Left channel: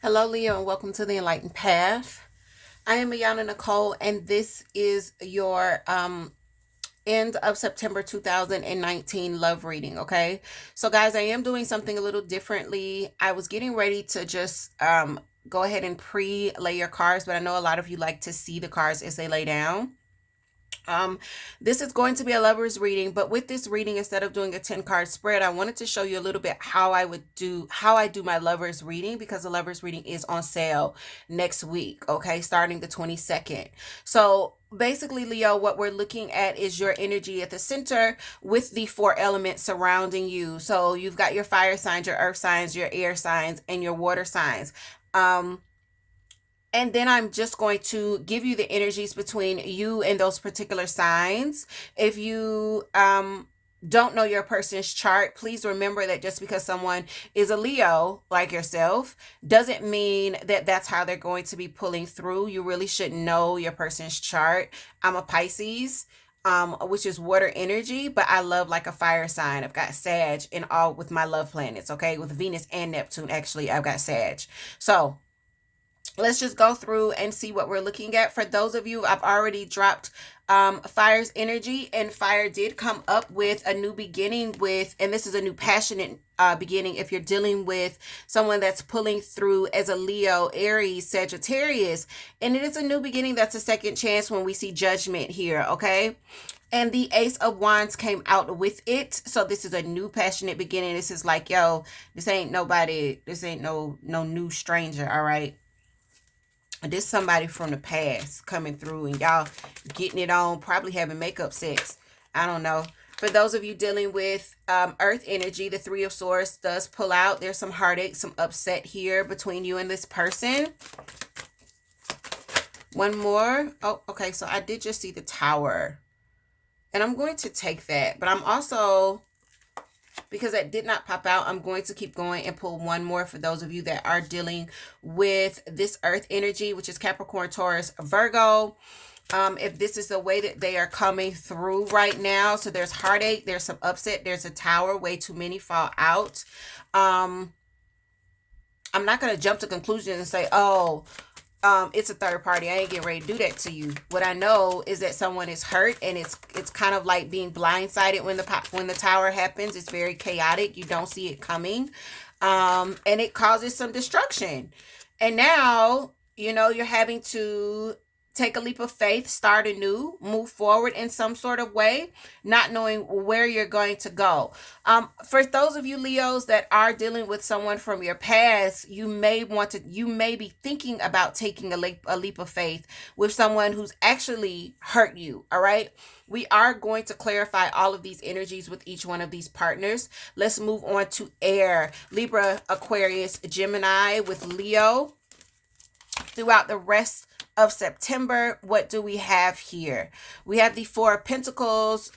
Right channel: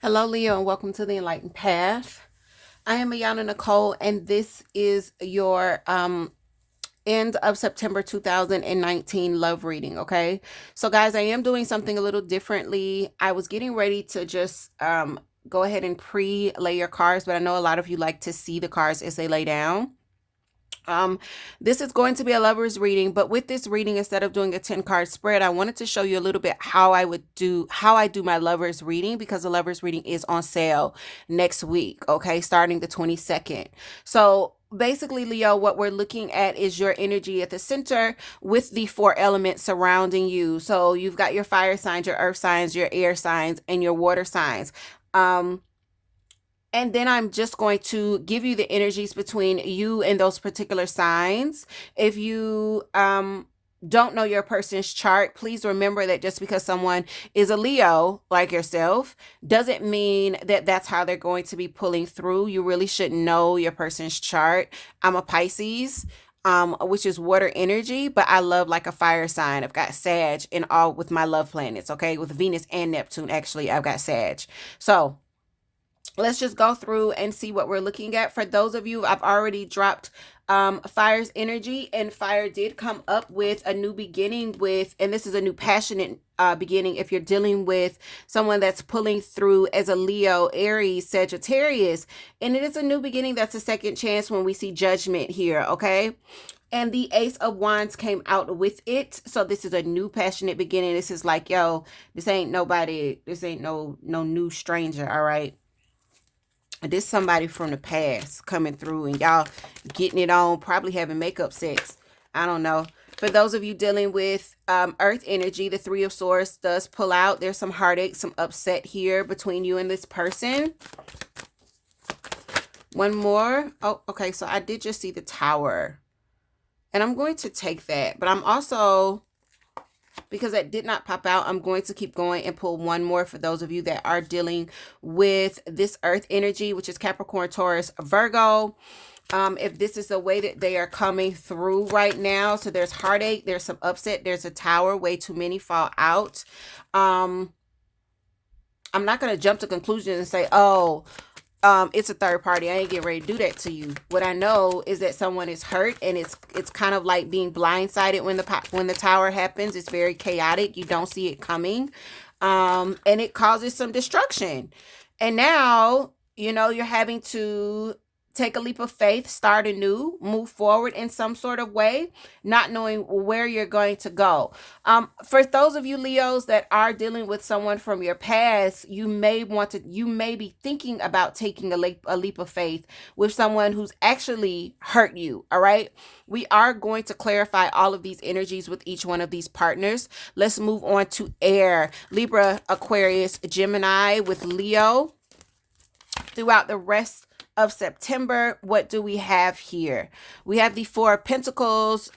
Hello, Leo, and welcome to the Enlightened Path. I am Ayana Nicole, and this is your end of September 2019 love reading. Okay, so guys, I am doing something a little differently. I was getting ready to just go ahead and pre-lay your cards, but I know a lot of you like to see the cards as they lay down. Um, this is going to be a lover's reading, but with this reading, instead of doing a 10 card spread, I wanted to show you a little bit how I do my lover's reading, because the lover's reading is on sale next week, okay, starting the 22nd. So basically, Leo, what we're looking at is your energy at the center with the four elements surrounding you. So you've got your fire signs, your earth signs, your air signs, and your water signs. Um, and then I'm just going to give you the energies between you and those particular signs. If you don't know your person's chart, please remember that just because someone is a Leo like yourself doesn't mean that that's how they're going to be pulling through. You really should know your person's chart. I'm a Pisces, which is water energy, but I love like a fire sign. I've got Sag in all with my love planets, okay? With Venus and Neptune, actually, I've got Sag. So let's just go through and see what we're looking at. For those of you, I've already dropped fire's energy, and fire did come up with a new beginning with, and this is a new passionate beginning if you're dealing with someone that's pulling through as a Leo, Aries, Sagittarius, and it is a new beginning. That's a second chance when we see judgment here, okay? And the Ace of Wands came out with it. So this is a new passionate beginning. This is like, yo, this ain't nobody, this ain't no new stranger, all right? This somebody from the past coming through, and y'all getting it on, probably having makeup sex. I don't know. For those of you dealing with earth energy, the Three of Swords does pull out. There's some heartache, some upset here between you and this person. One more. Oh, okay. So I did just see the Tower, and I'm going to take that. But I'm also, because that did not pop out, I'm going to keep going and pull one more for those of you that are dealing with this earth energy, which is Capricorn, Taurus, Virgo. If this is the way that they are coming through right now, so there's heartache, there's some upset, there's a Tower, way too many fall out. um I'm not going to jump to conclusions and say, oh, it's a third party. I ain't getting ready to do that to you. What I know is that someone is hurt, and it's kind of like being blindsided when the Tower happens. It's very chaotic. You don't see it coming, and it causes some destruction. And now you're having to take a leap of faith, start anew, move forward in some sort of way, not knowing where you're going to go. For those of you Leos that are dealing with someone from your past, you may be thinking about taking a leap of faith with someone who's actually hurt you. All right. We are going to clarify all of these energies with each one of these partners. Let's move on to air. Libra, Aquarius, Gemini with Leo. Throughout the rest of September, what do we have here? We have the Four of Pentacles,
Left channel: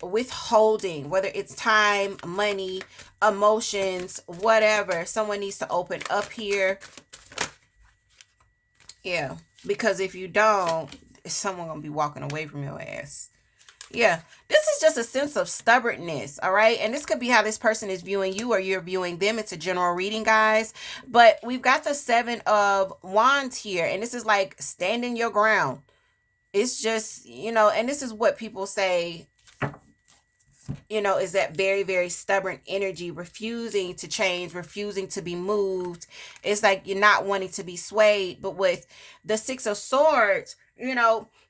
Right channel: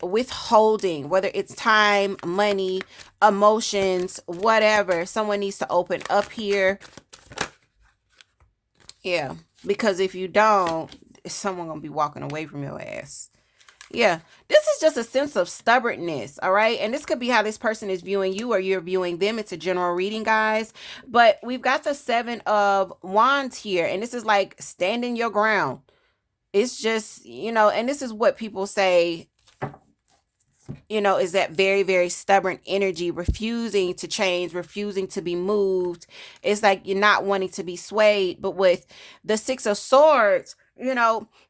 withholding, whether it's time, money, emotions, whatever. Someone needs to open up here. Yeah, because if you don't, someone gonna be walking away from your ass. Yeah, this is just a sense of stubbornness, all right? And this could be how this person is viewing you or you're viewing them. It's a general reading, guys. But we've got the Seven of Wands here, and this is like standing your ground. It's just, and this is what people say, is that very, very stubborn energy, refusing to change, refusing to be moved. It's like you're not wanting to be swayed. But with the Six of Swords,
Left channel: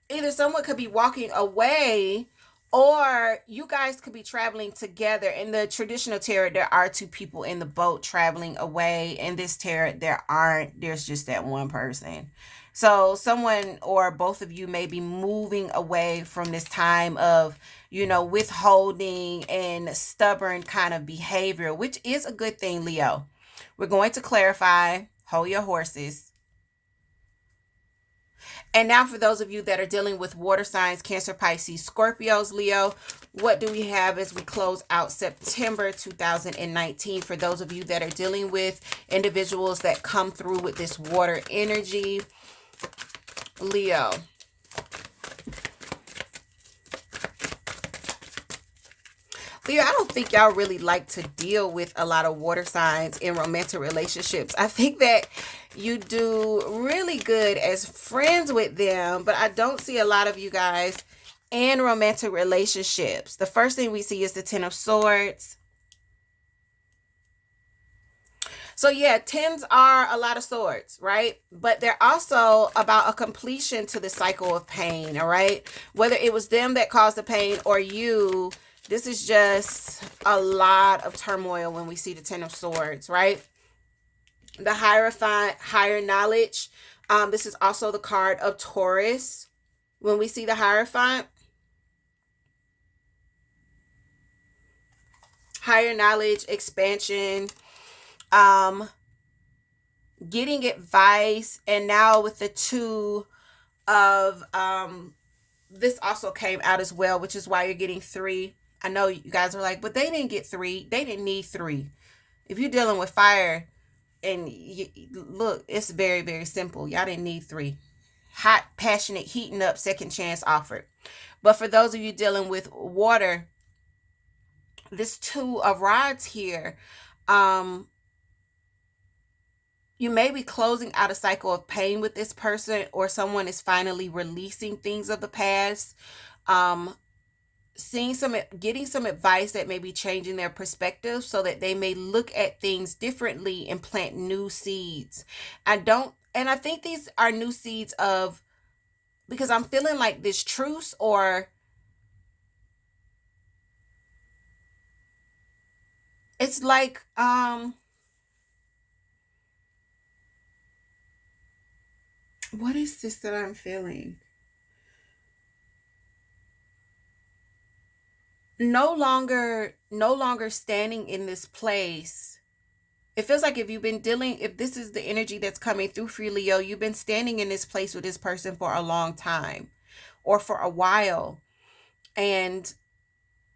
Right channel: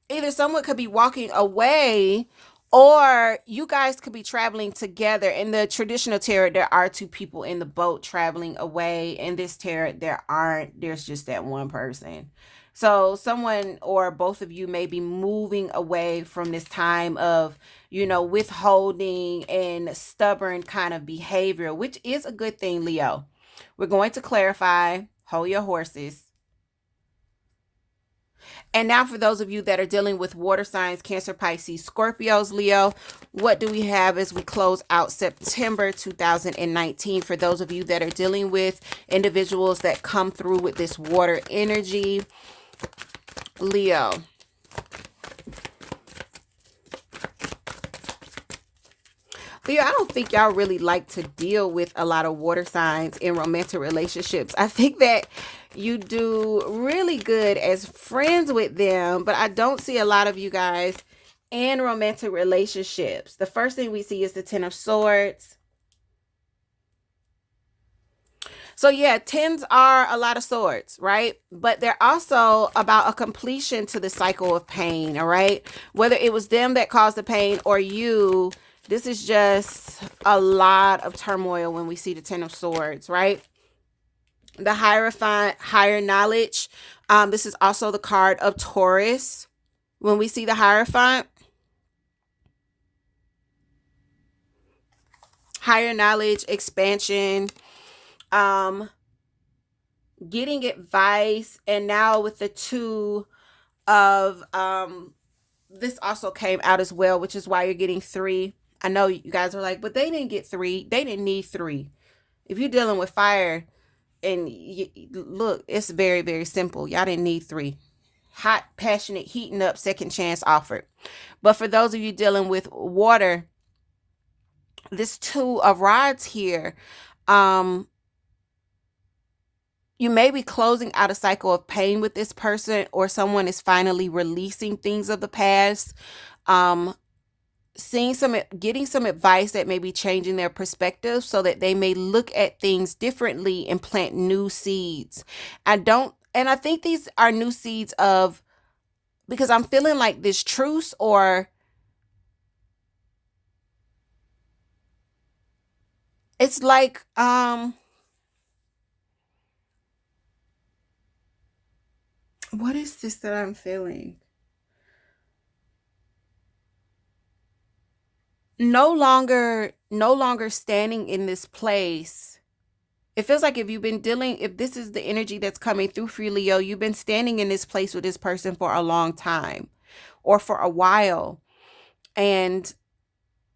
either someone could be walking away, or you guys could be traveling together. In the traditional tarot, there are two people in the boat traveling away. In this tarot, there aren't. There's just that one person. So someone or both of you may be moving away from this time of, withholding and stubborn kind of behavior, which is a good thing, Leo. We're going to clarify. Hold your horses. And now for those of you that are dealing with water signs, Cancer, Pisces, Scorpios, Leo, what do we have as we close out September 2019? For those of you that are dealing with individuals that come through with this water energy, Leo. Leo, I don't think y'all really like to deal with a lot of water signs in romantic relationships. I think that you do really good as friends with them, but I don't see a lot of you guys in romantic relationships. The first thing we see is the Ten of Swords. So yeah, tens are a lot of swords, right? But they're also about a completion to the cycle of pain, all right? Whether it was them that caused the pain or you, this is just a lot of turmoil when we see the Ten of Swords, right? The Hierophant, higher knowledge. This is also the card of Taurus. When we see the Hierophant, higher knowledge, expansion, um, getting advice, and now with the two of this also came out as well, which is why you're getting three. I know you guys are like, but they didn't get three. They didn't need three. If you're dealing with fire, and look, it's very, very simple. Y'all didn't need three. Hot, passionate, heating up, second chance offered. But for those of you dealing with water, this two of rods here, um, you may be closing out a cycle of pain with this person, or someone is finally releasing things of the past. Um, getting some advice that may be changing their perspective so that they may look at things differently and plant new seeds. I think these are new seeds of, because I'm feeling like this truce, or it's like, what is this that I'm feeling? No longer standing in this place. It feels like if this is the energy that's coming through for you, Leo, you've been standing in this place with this person for a long time or for a while. And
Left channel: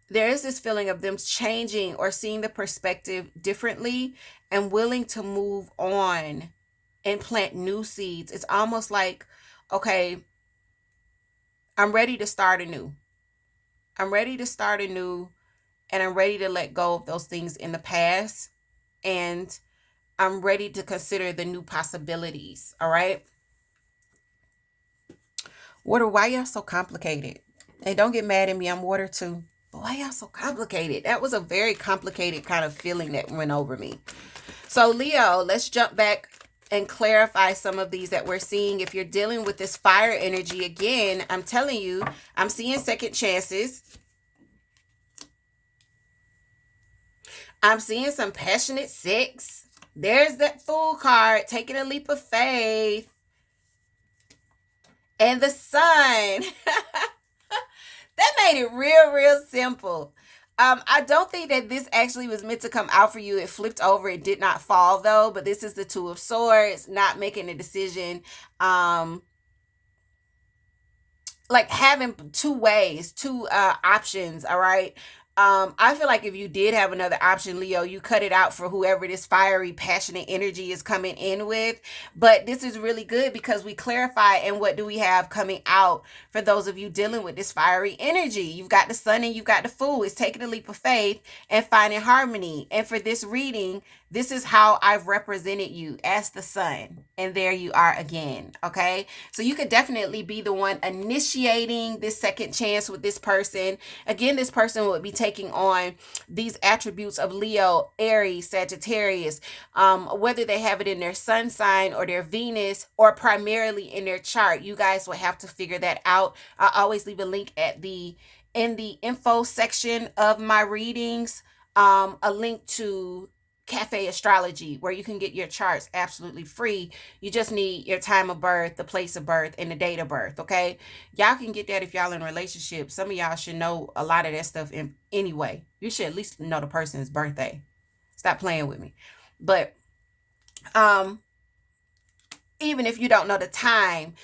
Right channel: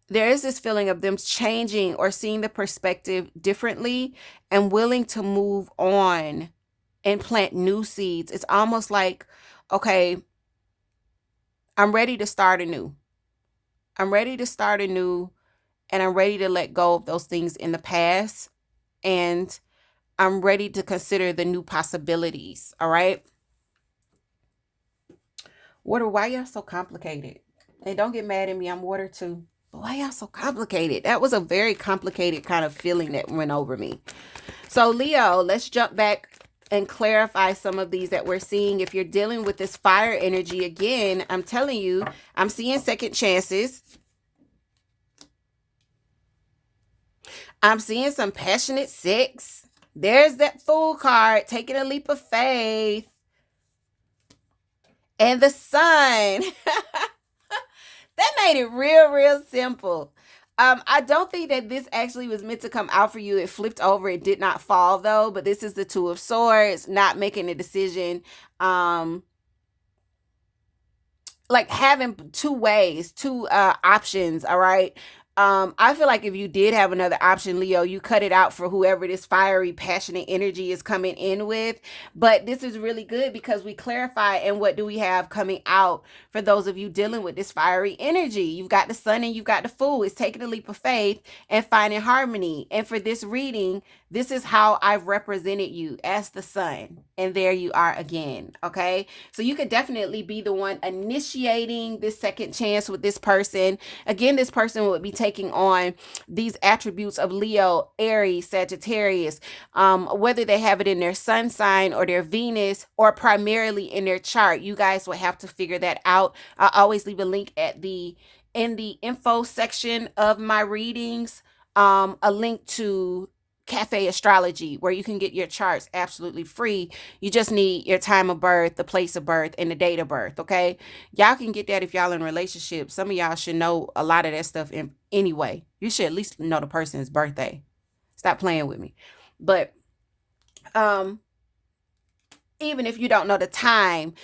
there is this feeling of them changing or seeing the perspective differently and willing to move on and plant new seeds. It's almost like, okay, I'm ready to start anew. I'm ready to start anew, and I'm ready to let go of those things in the past. And I'm ready to consider the new possibilities. All right. Water, why y'all so complicated? And don't get mad at me. I'm water too. But why y'all so complicated? That was a very complicated kind of feeling that went over me. So, Leo, let's jump back and clarify some of these that we're seeing. If you're dealing with this fire energy, again, I'm telling you, I'm seeing second chances. I'm seeing some passionate sex. There's that Fool card, taking a leap of faith. And the Sun. That made it real, real simple. I don't think that this actually was meant to come out for you. It flipped over. It did not fall though. But this is the Two of Swords, not making a decision. Like having two ways, two options. All right. I feel like if you did have another option, Leo, you cut it out for whoever this fiery, passionate energy is coming in with. But this is really good because we clarify. And what do we have coming out for those of you dealing with this fiery energy? You've got the Sun and you've got the Fool. It's taking a leap of faith and finding harmony. And for this reading, this is how I've represented you as the Sun. And there you are again. Okay. So you could definitely be the one initiating this second chance with this person. Again, this person would be taking on these attributes of Leo, Aries, Sagittarius, whether they have it in their sun sign or their Venus or primarily in their chart. You guys will have to figure that out. I always leave a link in the info section of my readings, a link to Café Astrology, where you can get your charts absolutely free. You just need your time of birth, the place of birth, and the date of birth. Okay, y'all can get that if y'all in a relationship. Some of y'all should know a lot of that stuff anyway. You should at least know the person's birthday. Stop playing with me. But even if you don't know the time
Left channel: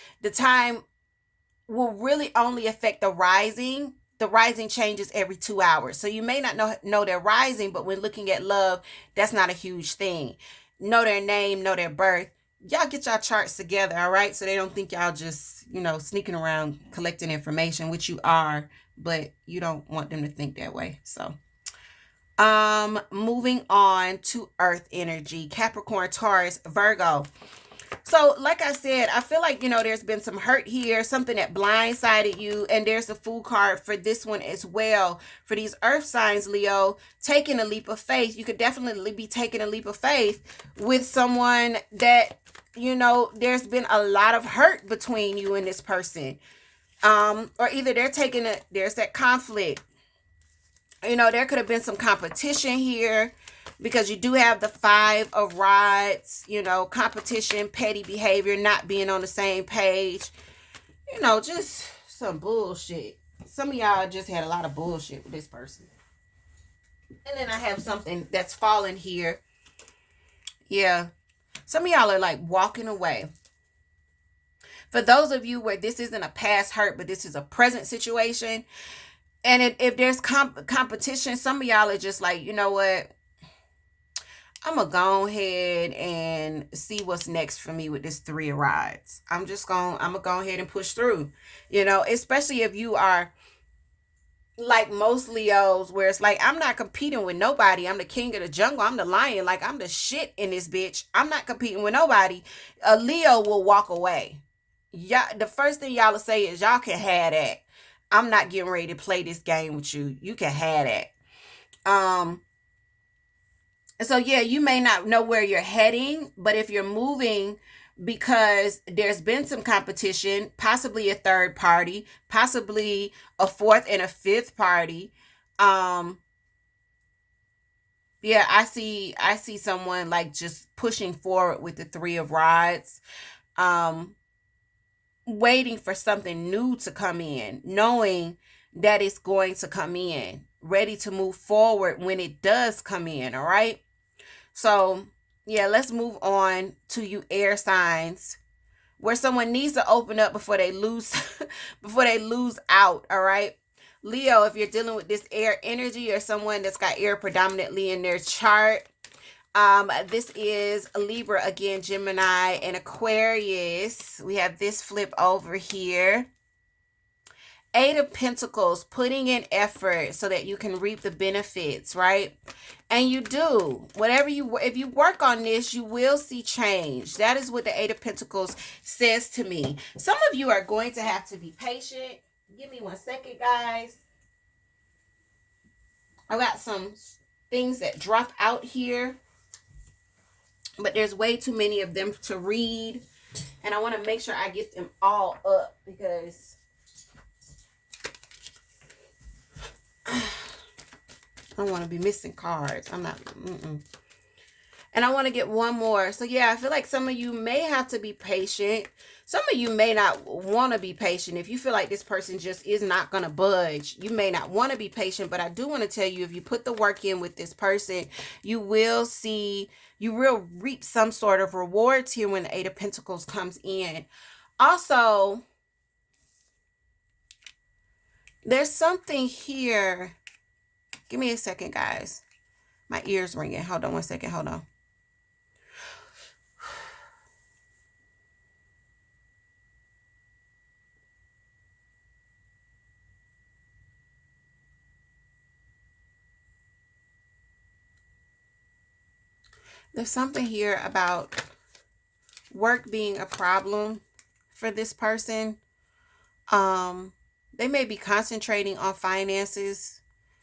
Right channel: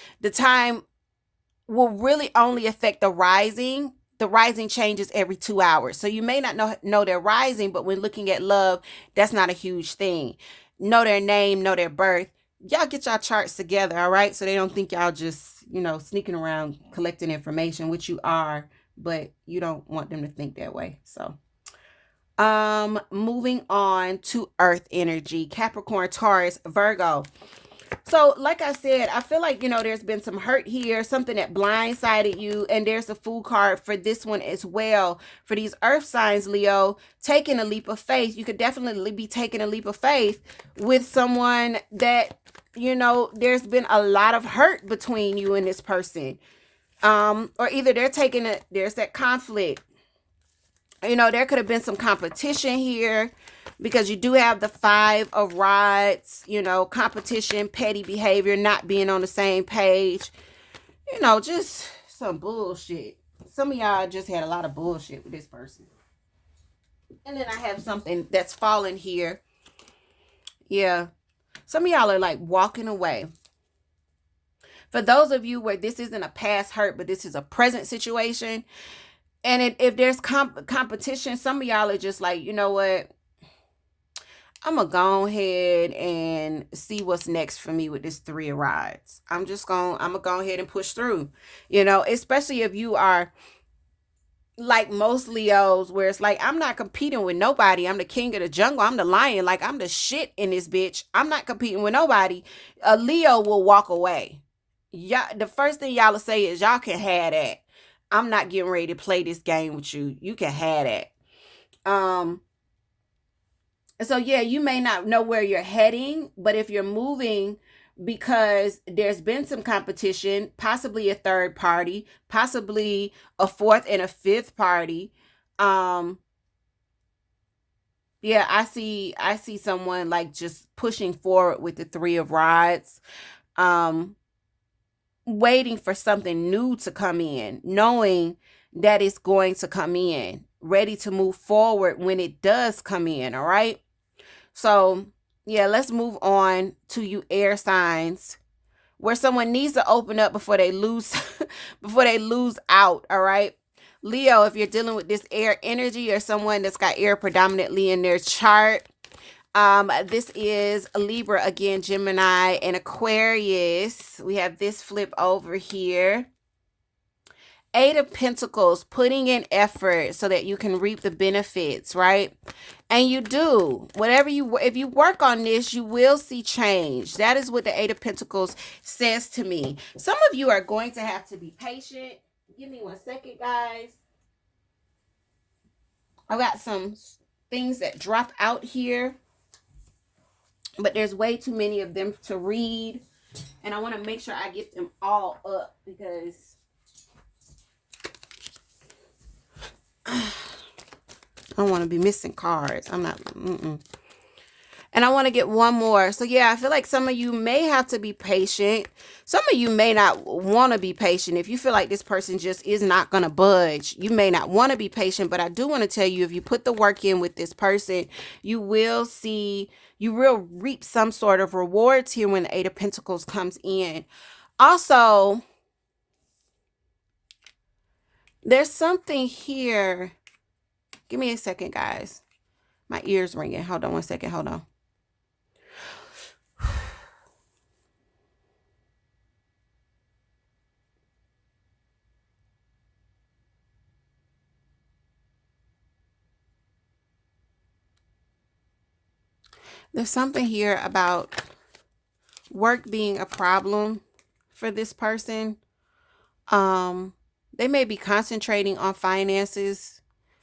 will really only affect the rising. The rising changes every 2 hours. So you may not know their rising, but when looking at love, that's not a huge thing. Know their name, know their birth. Y'all get y'all charts together, all right? So they don't think y'all just, sneaking around collecting information, which you are, but you don't want them to think that way. So Moving on to earth energy, Capricorn, Taurus, Virgo. So, like I said, I feel like, there's been some hurt here, something that blindsided you, and there's a Fool card for this one as well. For these earth signs, Leo, taking a leap of faith. You could definitely be taking a leap of faith with someone that, there's been a lot of hurt between you and this person. Or either they're taking it, there's that conflict. There could have been some competition here because you do have the 5 of Rods, competition, petty behavior, not being on the same page, just some bullshit. Some of y'all just had a lot of bullshit with this person. And then I have something that's fallen here. Yeah. Some of y'all are like walking away. For those of you where this isn't a past hurt, but this is a present situation, and if there's competition, some of y'all are just like, you know what? I'm going to go ahead and see what's next for me with this 3 of Rods. I'm going to go ahead and push through, especially if you are like most Leos, where it's like, I'm not competing with nobody. I'm the king of the jungle. I'm the lion. Like, I'm the shit in this bitch. I'm not competing with nobody. A Leo will walk away. Y'all, the first thing y'all will say is, y'all can have that. I'm not getting ready to play this game with you. You can have that. So yeah, you may not know where you're heading, but if you're moving because there's been some competition, possibly a third party, possibly a fourth and a fifth party, yeah, I see someone like just pushing forward with the 3 of Rods, um waiting for something new to come in, knowing that it's going to come in, ready to move forward when it does come in, all right? So, yeah, let's move on to you air signs, where someone needs to open up before they lose before they lose out, all right? Leo, if you're dealing with this air energy or someone that's got air predominantly in their chart, this is a Libra again, Gemini, and Aquarius. We have this flip over here. 8 of Pentacles, putting in effort so that you can reap the benefits, right? And you do. If you work on this, you will see change. That is what the 8 of Pentacles says to me. Some of you are going to have to be patient. Give me 1 second, guys. I got some things that drop out here, but there's way too many of them to read. And I want to make sure I get them all up because I don't want to be missing cards. I'm not. And I want to get one more. So yeah, I feel like some of you may have to be patient. Some of you may not want to be patient. If you feel like this person just is not going to budge, you may not want to be patient. But I do want to tell you, if you put the work in with this person, you will reap some sort of rewards here when the 8 of Pentacles comes in. Also, there's something here. Give me a second, guys. My ear's ringing. Hold on 1 second. Hold on. There's something here about work being a problem for this person. They may be concentrating on finances,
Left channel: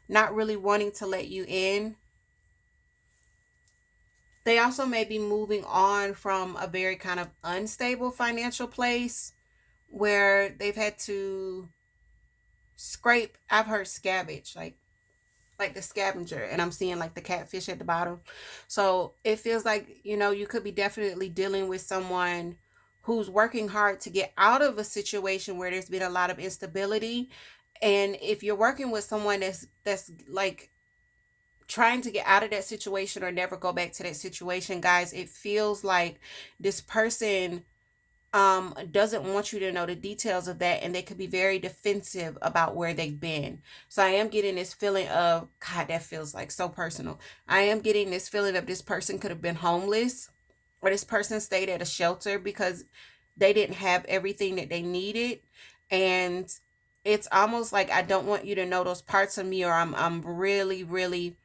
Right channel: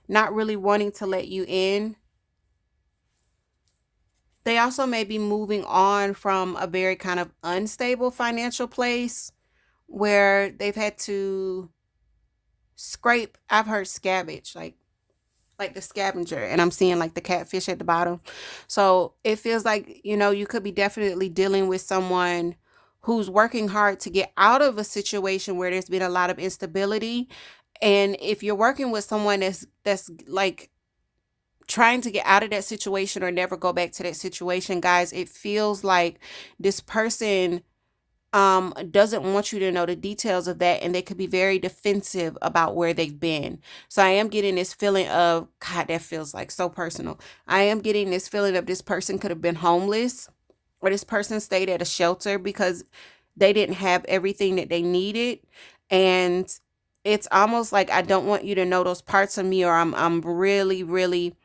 not really wanting to let you in. They also may be moving on from a very kind of unstable financial place where they've had to scrape. I've heard scavenge, like the scavenger, and I'm seeing like the catfish at the bottom. So it feels like, you could be definitely dealing with someone who's working hard to get out of a situation where there's been a lot of instability. And if you're working with someone that's like trying to get out of that situation or never go back to that situation, guys, it feels like this person doesn't want you to know the details of that, and they could be very defensive about where they've been. So I am getting this feeling of, God, that feels like so personal. I am getting this feeling of this person could have been homeless, or this person stayed at a shelter because they didn't have everything that they needed. And it's almost like, I don't want you to know those parts of me, or I'm really, really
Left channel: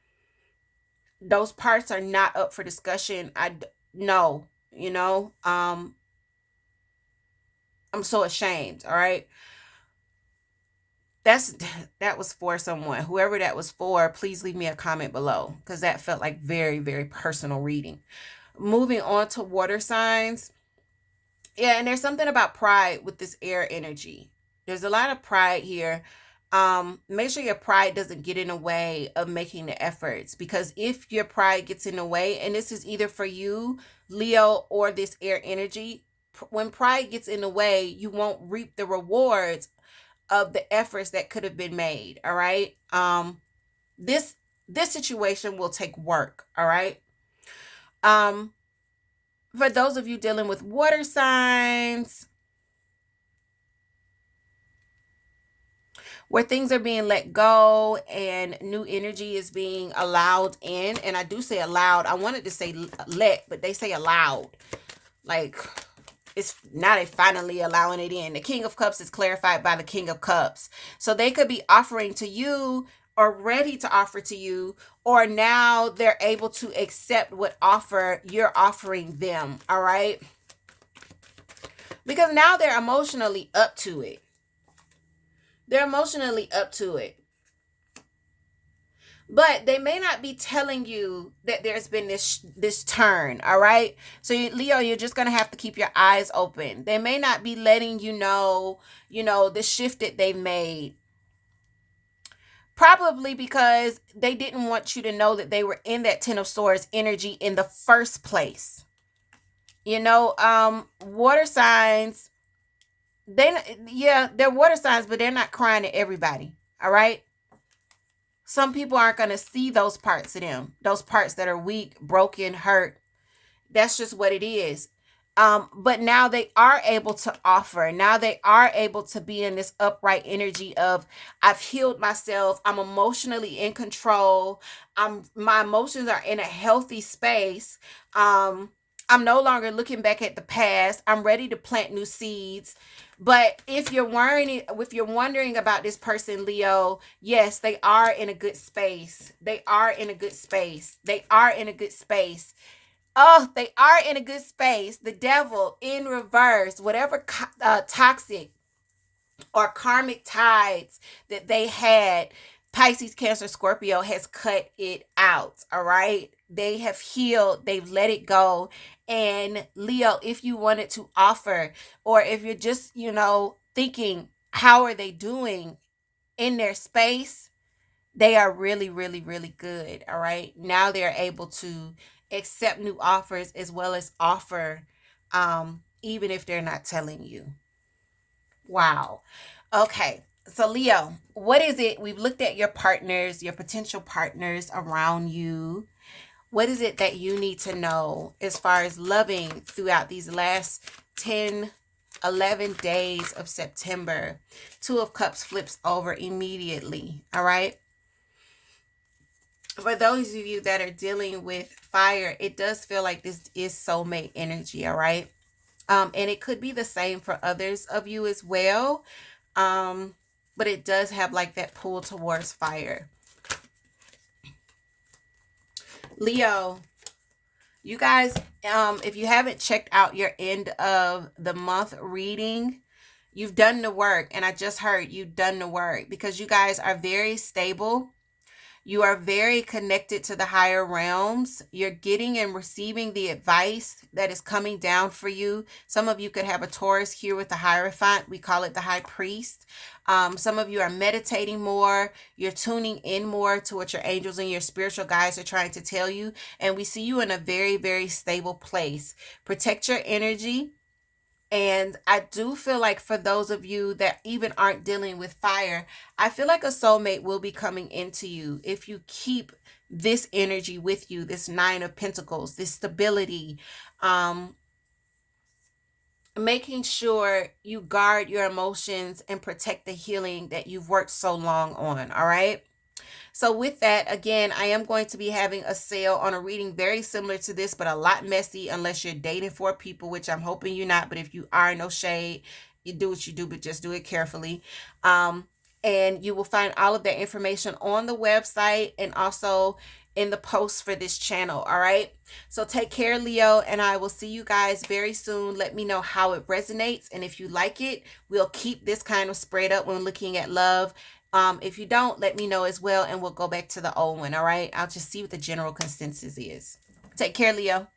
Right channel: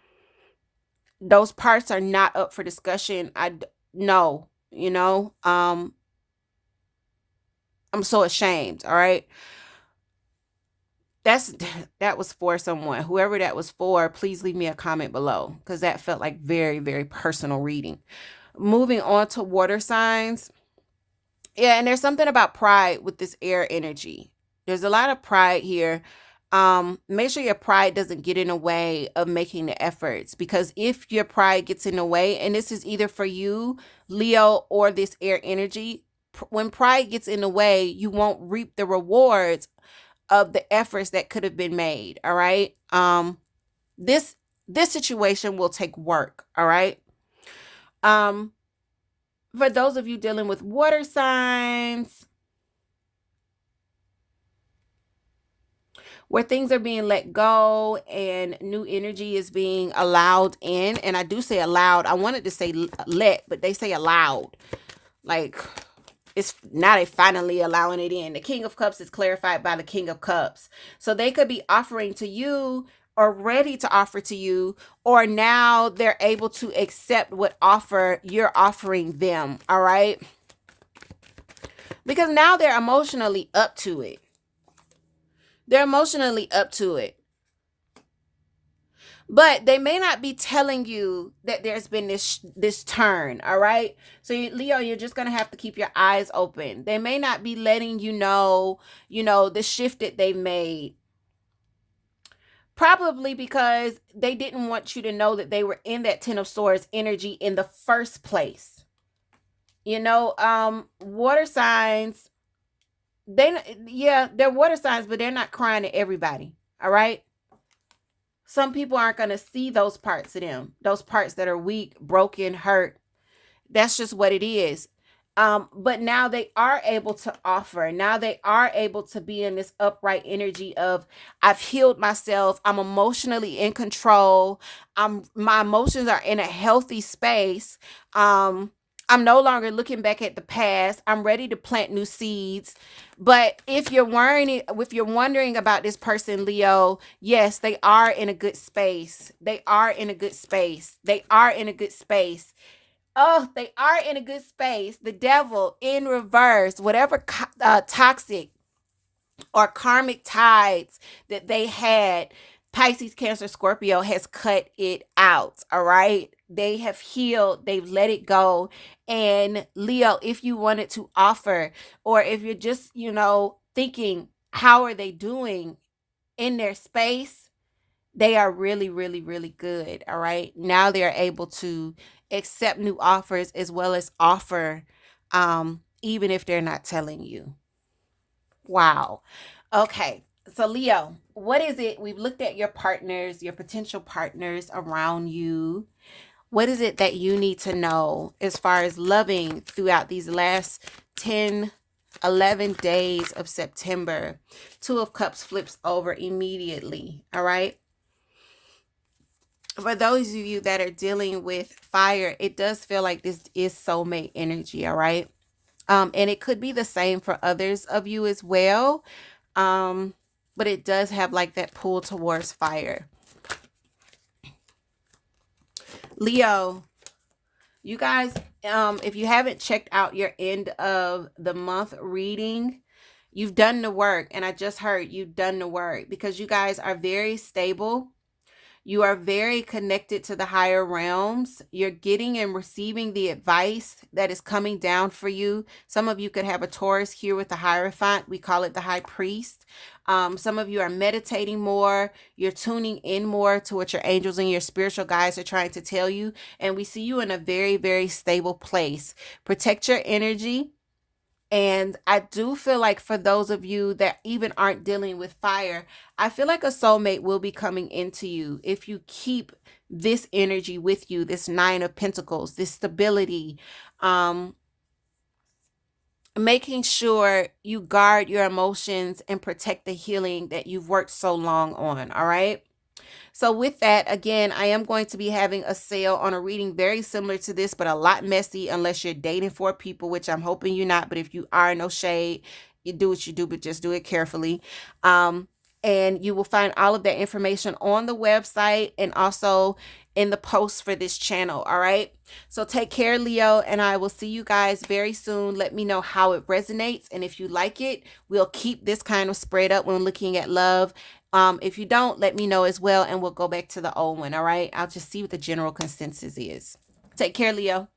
those parts are not up for discussion. No, I'm so ashamed. All right. That's that was for someone. Whoever that was for, please leave me a comment below because that felt like very, very personal reading. Moving on to water signs. Yeah, and there's something about pride with this air energy. There's a lot of pride here. Make sure your pride doesn't get in the way of making the efforts, because if your pride gets in the way, and this is either for you, Leo, or this air energy, when pride gets in the way, you won't reap the rewards of the efforts that could have been made. All right. This this situation will take work. All right. Um, for those of you dealing with water signs, where things are being let go and new energy is being allowed in, and I do say allowed. I wanted to say let, but they say allowed. Like, it's now they finally allowing it in. The King of Cups is clarified by the King of Cups. So they could be offering to you, or ready to offer to you, or now they're able to accept what offer you're offering them. All right. Because now they're emotionally up to it. They're emotionally up to it. But they may not be telling you that there's been this turn. All right. So Leo, you're just going to have to keep your eyes open. They may not be letting you know the shift that they've made, probably because they didn't want you to know that they were in that 10 of swords energy in the first place. Water signs, they're water signs, but they're not crying to everybody. All right. Some people aren't going to see those parts of them, those parts that are weak, broken, hurt. That's just what it is. But now they are able to offer. Now they are able to be in this upright energy of, I've healed myself. I'm emotionally in control. My emotions are in a healthy space. I'm no longer looking back at the past. I'm ready to plant new seeds. But if you're wondering about this person, Leo, yes, they are in a good space. They are in a good space. They are in a good space. Oh, they are in a good space. The devil in reverse, whatever toxic or karmic tides that they had, Pisces, Cancer, Scorpio has cut it out. All right. They have healed, they've let it go. And Leo, if you wanted to offer, or if you're just, thinking, how are they doing in their space? They are really, really, really good. All right. Now they're able to accept new offers as well as offer, even if they're not telling you. Wow. Okay. So, Leo, what is it? We've looked at your partners, your potential partners around you. What is it that you need to know as far as loving throughout these last 10, 11 days of September? Two of Cups flips over immediately. All right. For those of you that are dealing with fire, it does feel like this is soulmate energy. All right. And it could be the same for others of you as well. Um, but it does have like that pull towards fire. Leo, you guys, if you haven't checked out your end of the month reading, you've done the work. And I just heard you've done the work, because you guys are very stable. You are very connected to the higher realms. You're getting and receiving the advice that is coming down for you. Some of you could have a Taurus here with the Hierophant. We call it the High Priest. Some of you are meditating more. You're tuning in more to what your angels and your spiritual guides are trying to tell you. And we see you in a very, very stable place. Protect your energy. And I do feel like for those of you that even aren't dealing with fire, I feel like a soulmate will be coming into you if you keep this energy with you, this Nine of Pentacles, this stability, making sure you guard your emotions and protect the healing that you've worked so long on. All right. So with that, again, I am going to be having a sale on a reading very similar to this, but a lot messy unless you're dating for people, which I'm hoping you're not. But if you are, no shade. You do what you do, but just do it carefully. And you will find all of that information on the website. And also, in the post for this channel. All right. So take care, Leo, and I will see you guys very soon. Let me know how it resonates. And if you like it, we'll keep this kind of spread up when looking at love. If you don't, let me know as well, and we'll go back to the old one. All right. I'll just see what the general consensus is. Take care, Leo.